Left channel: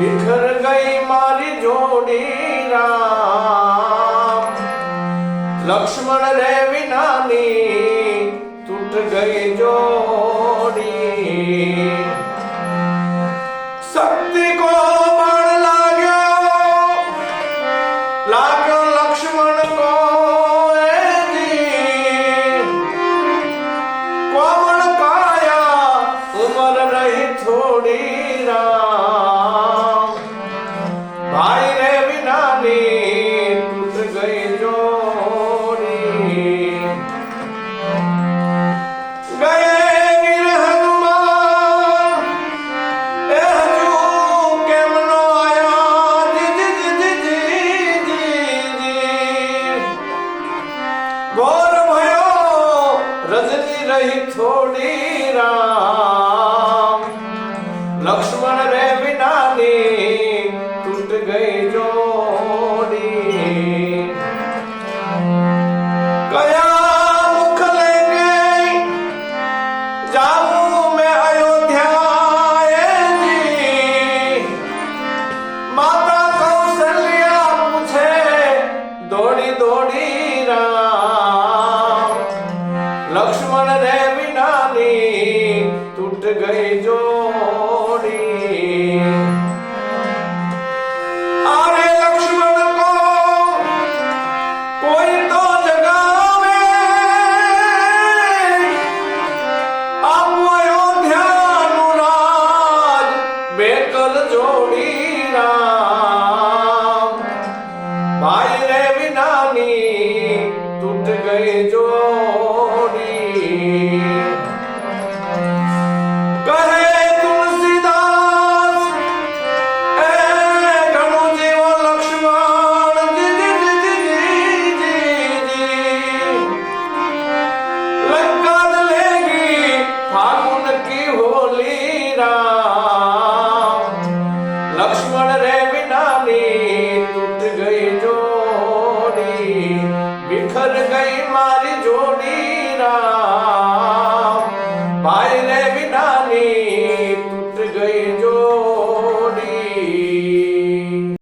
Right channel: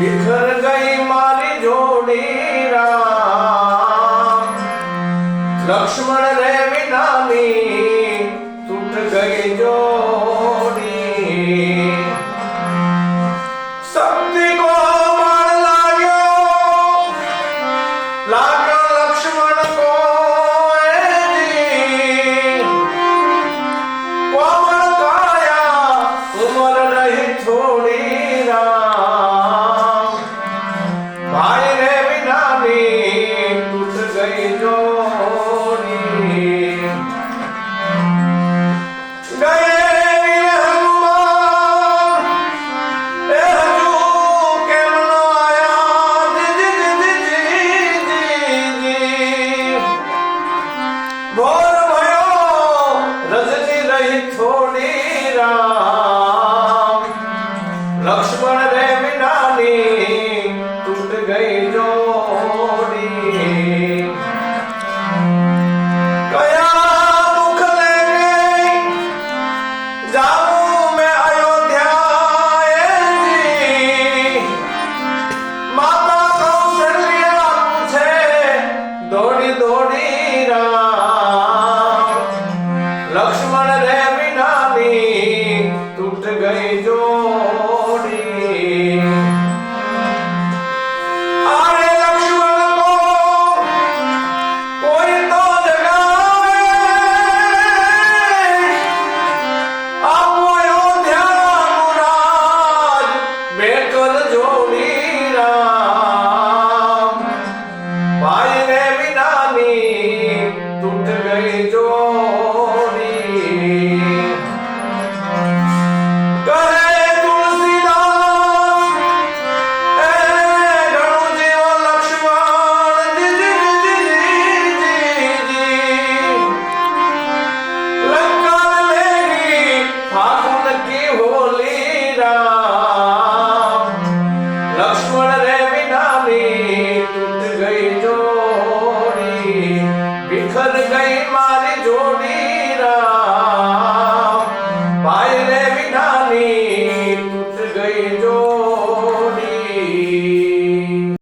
बिखर गई मारी जोड़ी राम, लक्ष्मण रे विनानी टूट गई जोड़ी। शक्ति को बल लाग्यो लक्ष्मण को कोमल काया उम्र रही थोड़ी राम, भाई रे विनानी टूट गई जोड़ी। गए वीर हनुमान एहू केम नो आया जी जी जी जी जी। भोर भयो रजनी रही थोड़ी राम, लक्ष्मण रे विनानी टूट गई जोड़ी। गया मुख लेके जाऊं मैं अयोध्या जी, माता कौशल्या पूछे दौड़ी दौड़ी राम, लक्ष्मण रे विनानी टूट गई जोड़ी। आरे लक्ष्मण को कोई तो जगावे, आप अयोध्या राज बेकल जोड़ी राम, भाई रे विनानी टूट गई जोड़ी। करे तुलसीदास घणो जीव लक्ष्मण जी जी जी जी। लंका लेगी फागुन की होली राम, लक्ष्मण रे